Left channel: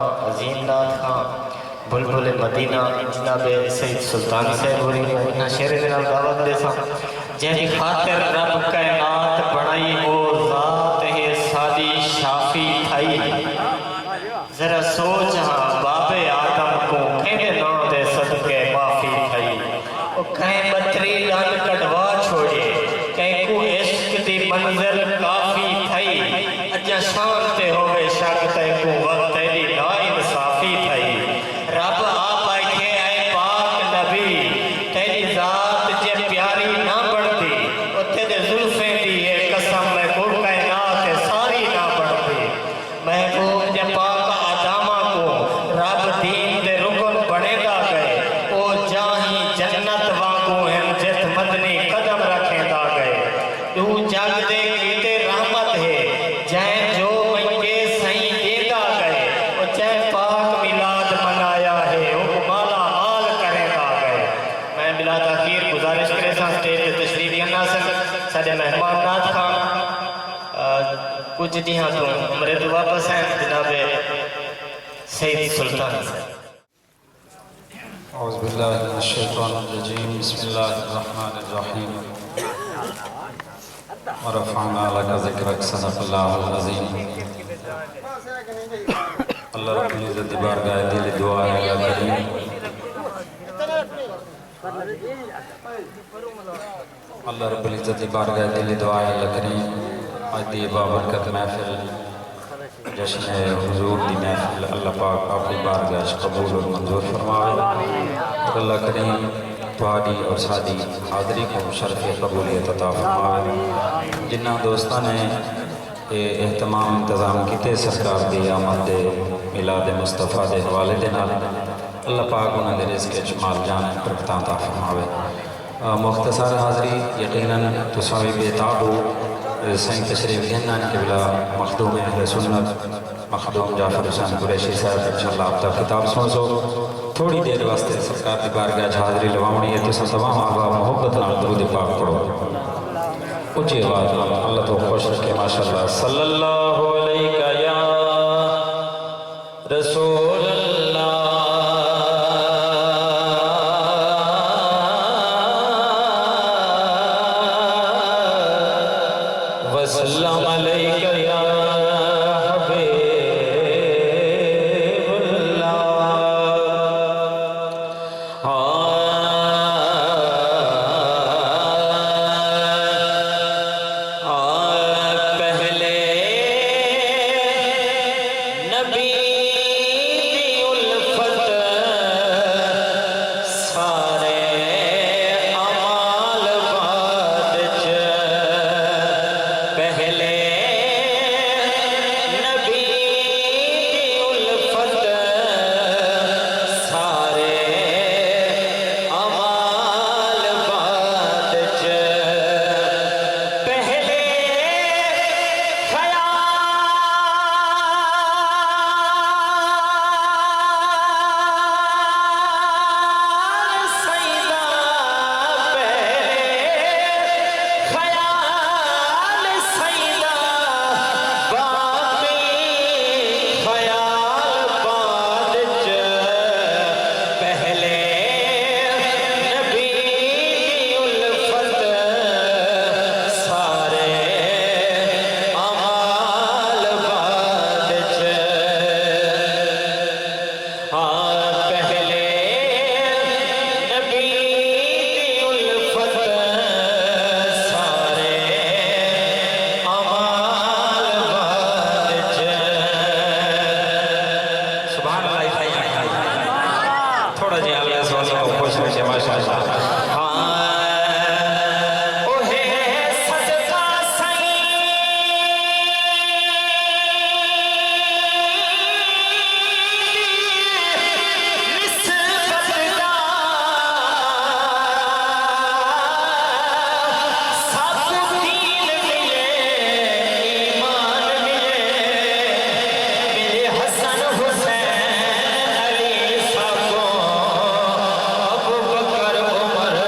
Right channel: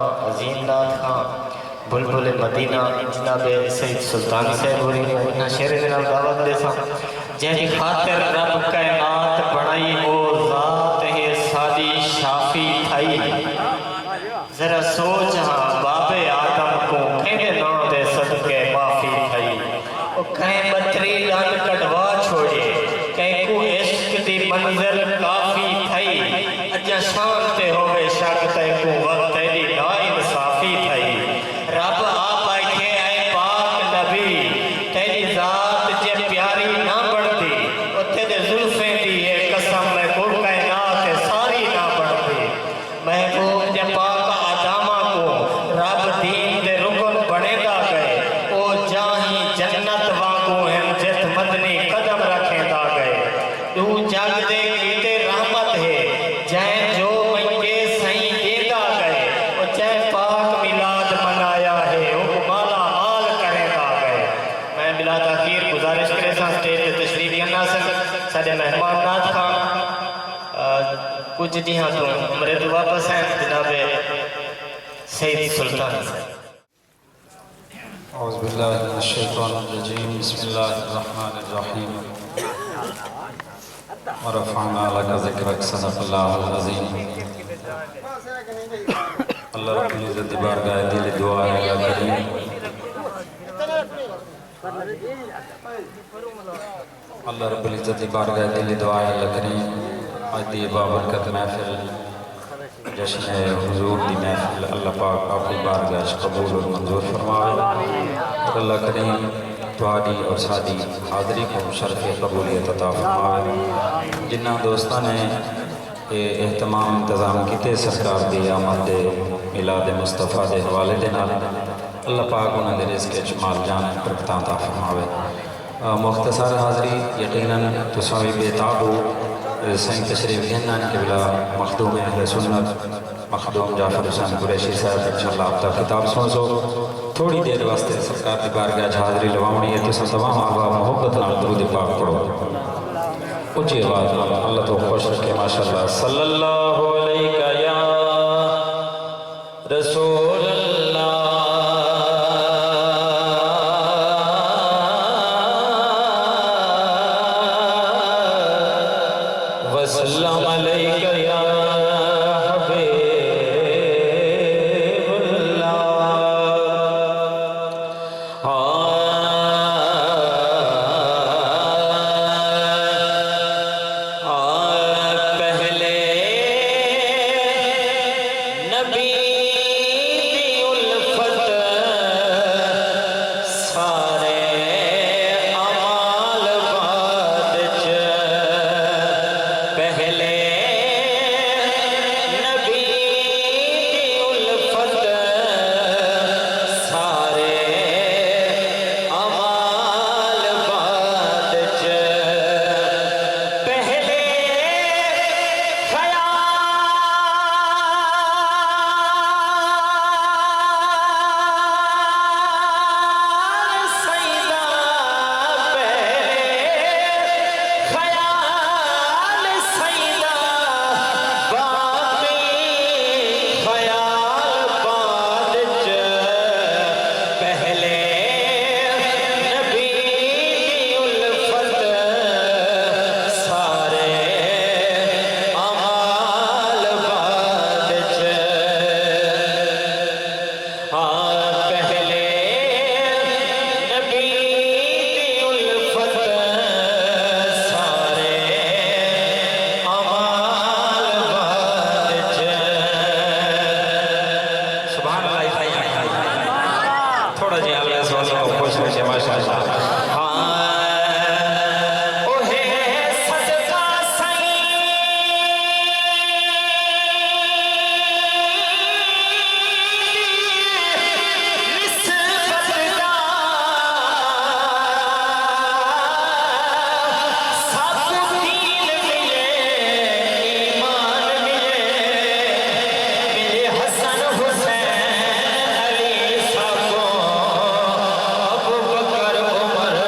अजीम नाथ खां बुलबुल Medina जनाब सईद सुल्तान साहब होरी शेर के नाम दावत दे जैसी खातिर रब कायनात बनाई वो जात है सादी शाफी थई। जरा सोच हाँ बाबे आदम को कहने ना दे सदके माफी थई। वो कहीं बतरी लाल कटवा छोड़े कहीं को इश्क दी मंजिल काफी थई। अजा शान ते होवे शक ते को वक्त दी ना इंसाफी थई। रब आप आखे आए पाक नबी तेरी जात जे प्यारी ना बढ़ती उथे दे जुल्फे दी है कसम मैं को कायनात सारी ना बढ़ती। महबूब जे पाक आदामा को रब दीन दे रुकन बनेदा गए ओ जाही जन्नत वांगू हम जित मदनी कदम रखेंदा गए। तू जग दे कीते रहमत है जै जो मंगे सही देदा गए ओ जै पाक मिलाद मनाया है ओ माला माल करेंदा गए। मैं बिला ताखीर गुजारिश करे सा स्टेज पे तशरीफ लियाना साडे मेहमान नाथ खां कुछ दिहां तो हमरे तो वापस हैं जनाब सईद सुल्तान साहब। औज़ु बिल्लाहि मिनश शैतानिर रजीम बिस्मिल्लाहिर्रहमानिर्रहीम व रफ़अना लका ज़िक्रक सदक़ल्लाहुल अज़ीम। अल्लाह रब्बुल इज़्ज़त की बारगाह दिल दुआ है अल्लाह करीम। अल्लाह रब्बुल इज़्ज़त की बारगाह दिल दुआ है अल्लाह करीम। आज दी बाबरकत महफिल जश्न हुजूर दी महफिल अल्लाह पाक अपनी बारगाह कबूल और मंजूर फरमावे और अल्लाह करीम तुहाडी और साडी हाज़री को शरफ़ कबूलियत अता फरमावे। जिन्ना दोस्तां ने एहतमाम इंतज़ाम किए सरकार की आमद मिलाद मुस्तफ़ा के हवाले के नाल अल्लाह पाक उन्होंने रिज़्क़ च माल जान बरकतां अता फरमावे। मुख्तसर हाज़री यकीनन तुसां भी बेताब हो सही तशरीफ लेना के बिला मखदूम अहले सुन्नत मखदूम जाफर हुसैन कुरैशी साहब इंशाअल्लाह आप तक किताब सुन सो थोड़ी देर वास्ते सरकार की बारगाह हाज़री लवानी है। तुसां तमाम आबा मोहब्बत नाल दुरूद पाक पढ़ो ऊँची आवाज़ नाल अल्लाह तो खुश रखे माशाअल्लाह। सल्लल्लाहु अलैका या रसूल अल्लाह वसल्लम अलैका या उमर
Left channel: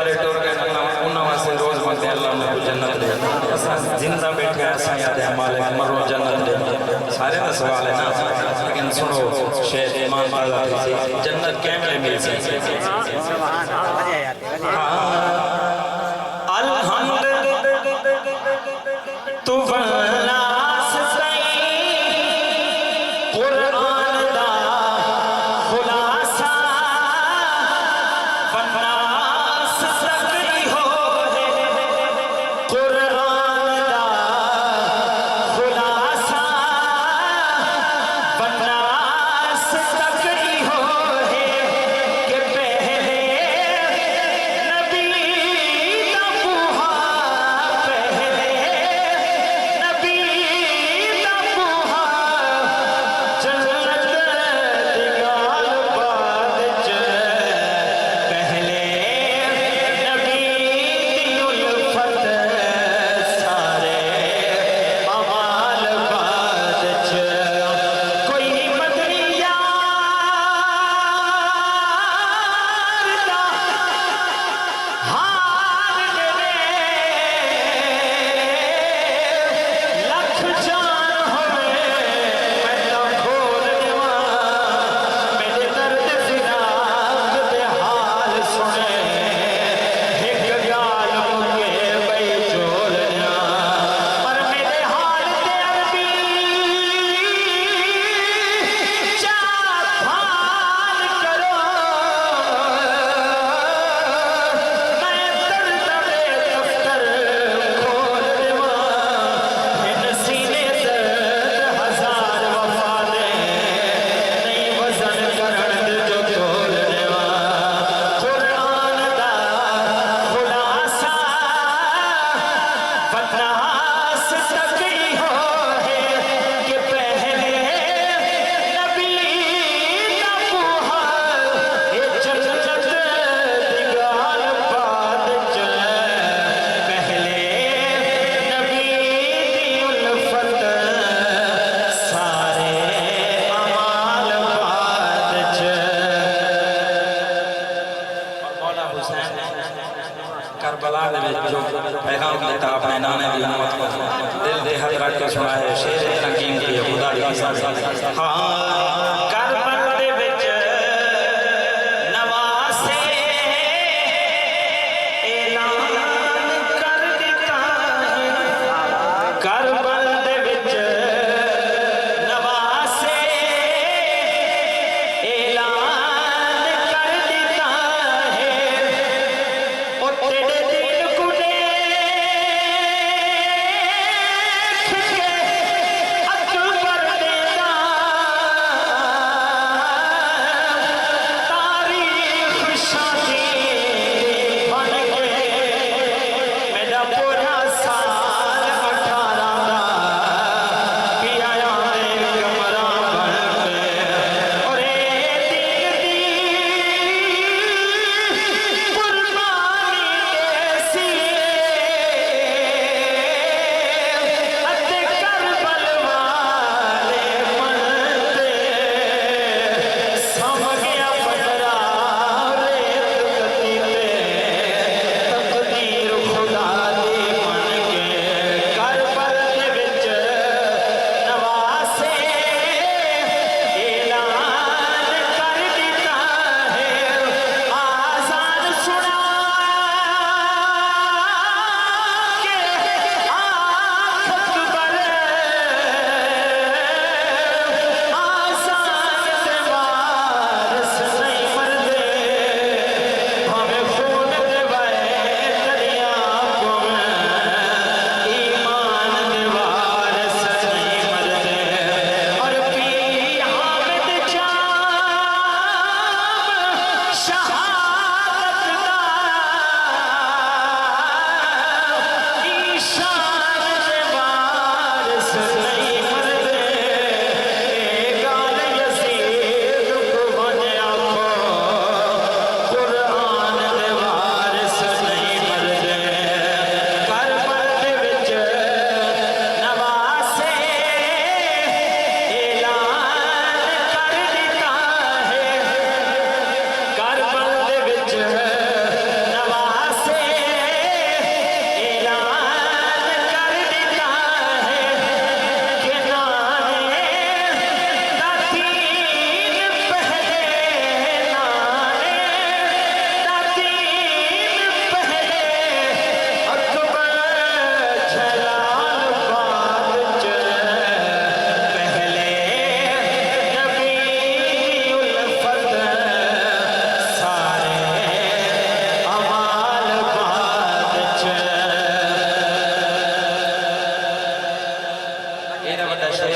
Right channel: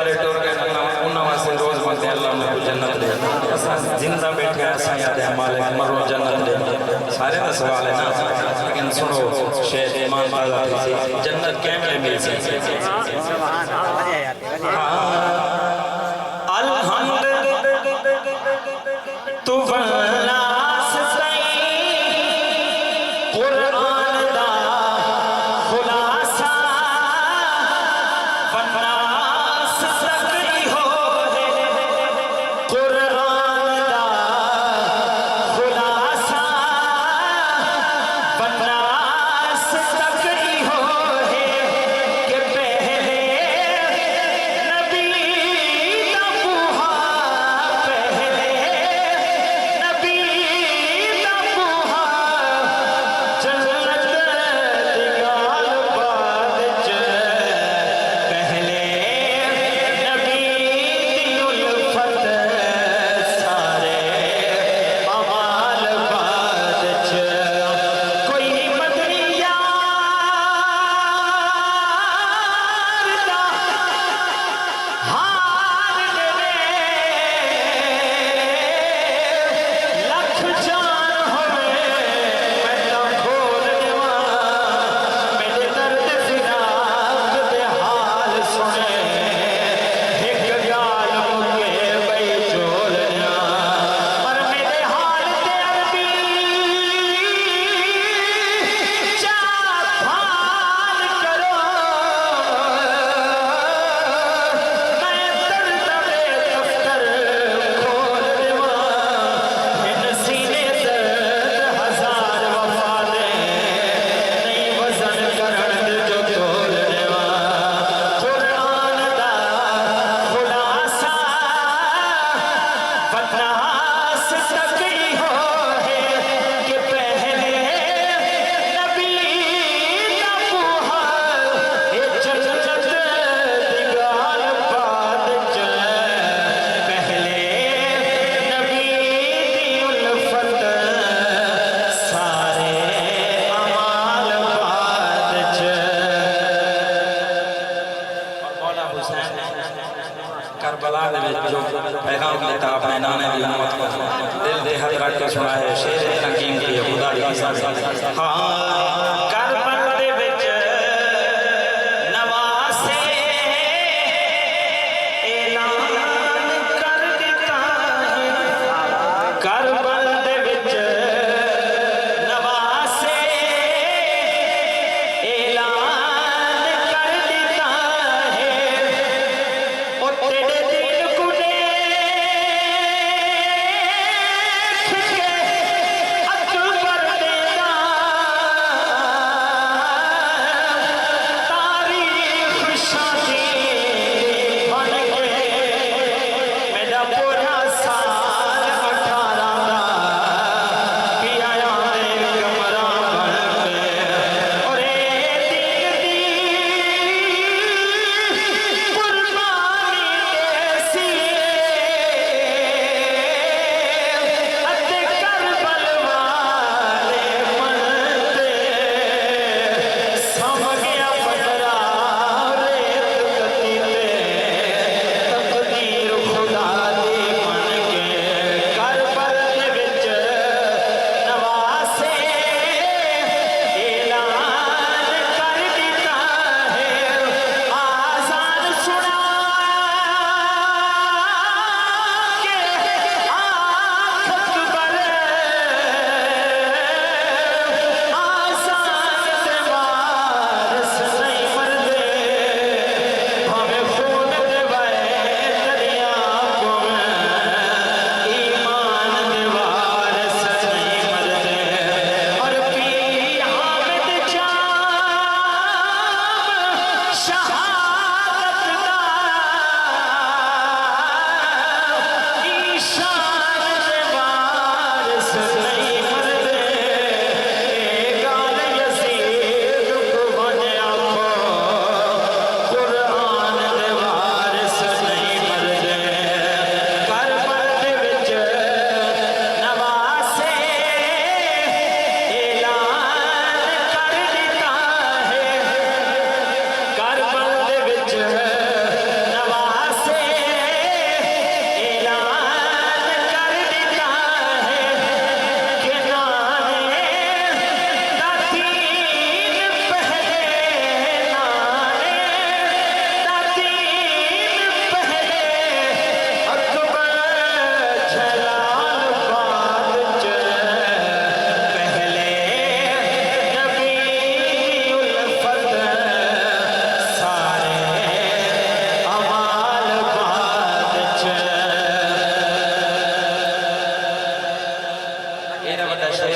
सारे टुर गए उन्होंने वास्ते रोज मंगते अल्लाह ने जन्नत दे असां जिंदा बैठे असां याद है मालिक मरो जन्नत दे सारे का सवाल है ना लेकिन सुनो शेर ईमान ताज़ा थी जन्नत कैमरे मिल सी अलहम्द तू वल्लास सही कुरान दा खुलासा वन्नास सकरी हो कुरान दा खुलासा वन्नास सकरी हो कि पहले नबी दा बुहा पहले नबी दा बुहा जन्नत दी गाल बाद च पहले नबी दी उल्फत सारे अमाल बाद च कोई मदनी यार दा हाल मेरे लख जान होवे मैं तो खोल देवां मेरे दर्द फिराक दे हाल सुने एक गाल मुके बई चोल पर मेरे हाल ते अरबी चार भाल करो मैं दर्द दे दफ्तर खोल देवां इन सीने दर्द हजार वफा दे नहीं वजन करण दे जो तोल देवां कुरान दा खुलासा वन्नास सकरी हो कि पहले नबी दा बुहा ए जन्नत दी गाल बाद च पहले नबी दी उल्फत सारे अमाल बाद च मौला हुसैन ने करबला दे विच जो पैगाम देता अपने नाने दी उम्मत को दिल दे हद रख के सुना है शेर रंगीन की खुदा दी कसम हाँ करबल दे विच नवासे ऐलान कर दिता करबल दे विच नवासे ऐलान कर दिता है ओ तेरे दिल को देख के अकबर देना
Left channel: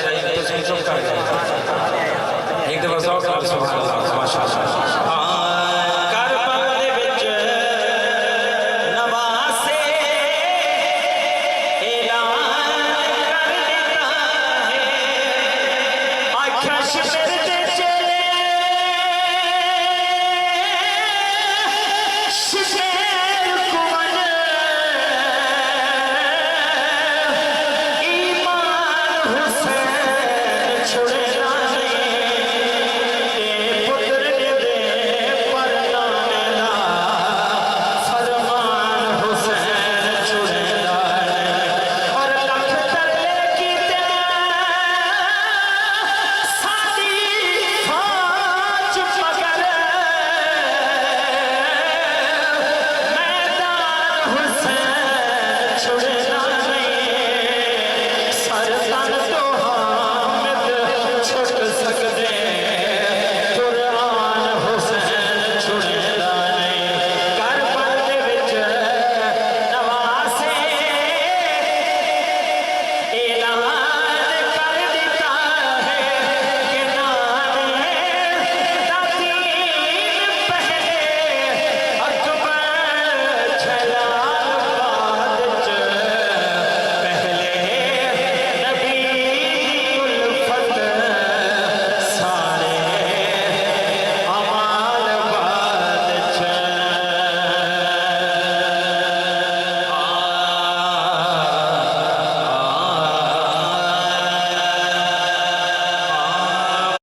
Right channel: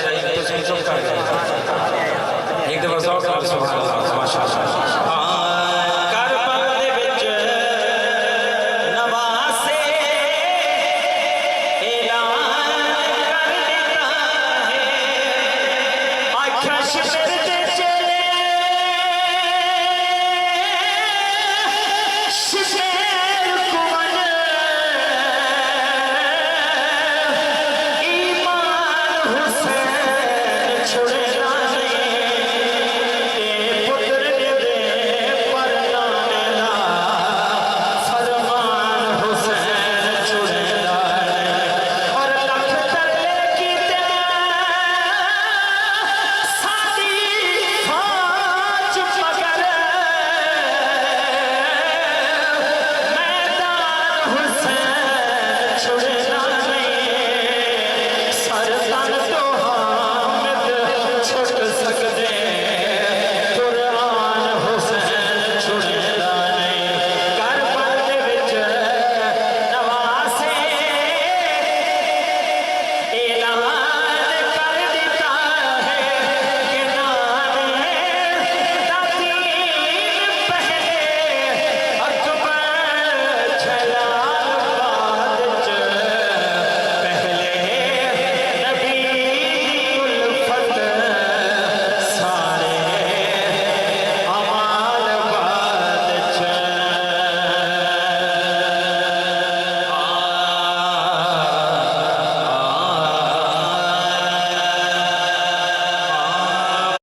रही तो चुप कर गए एक दफा सौ कर सुभान अल्लाह माशाअल्लाह करबला दे विच नवासे ऐलान कर दिता है आख्या शिमर दे चले शिमर कुमन ईमान हुसैन छुड़े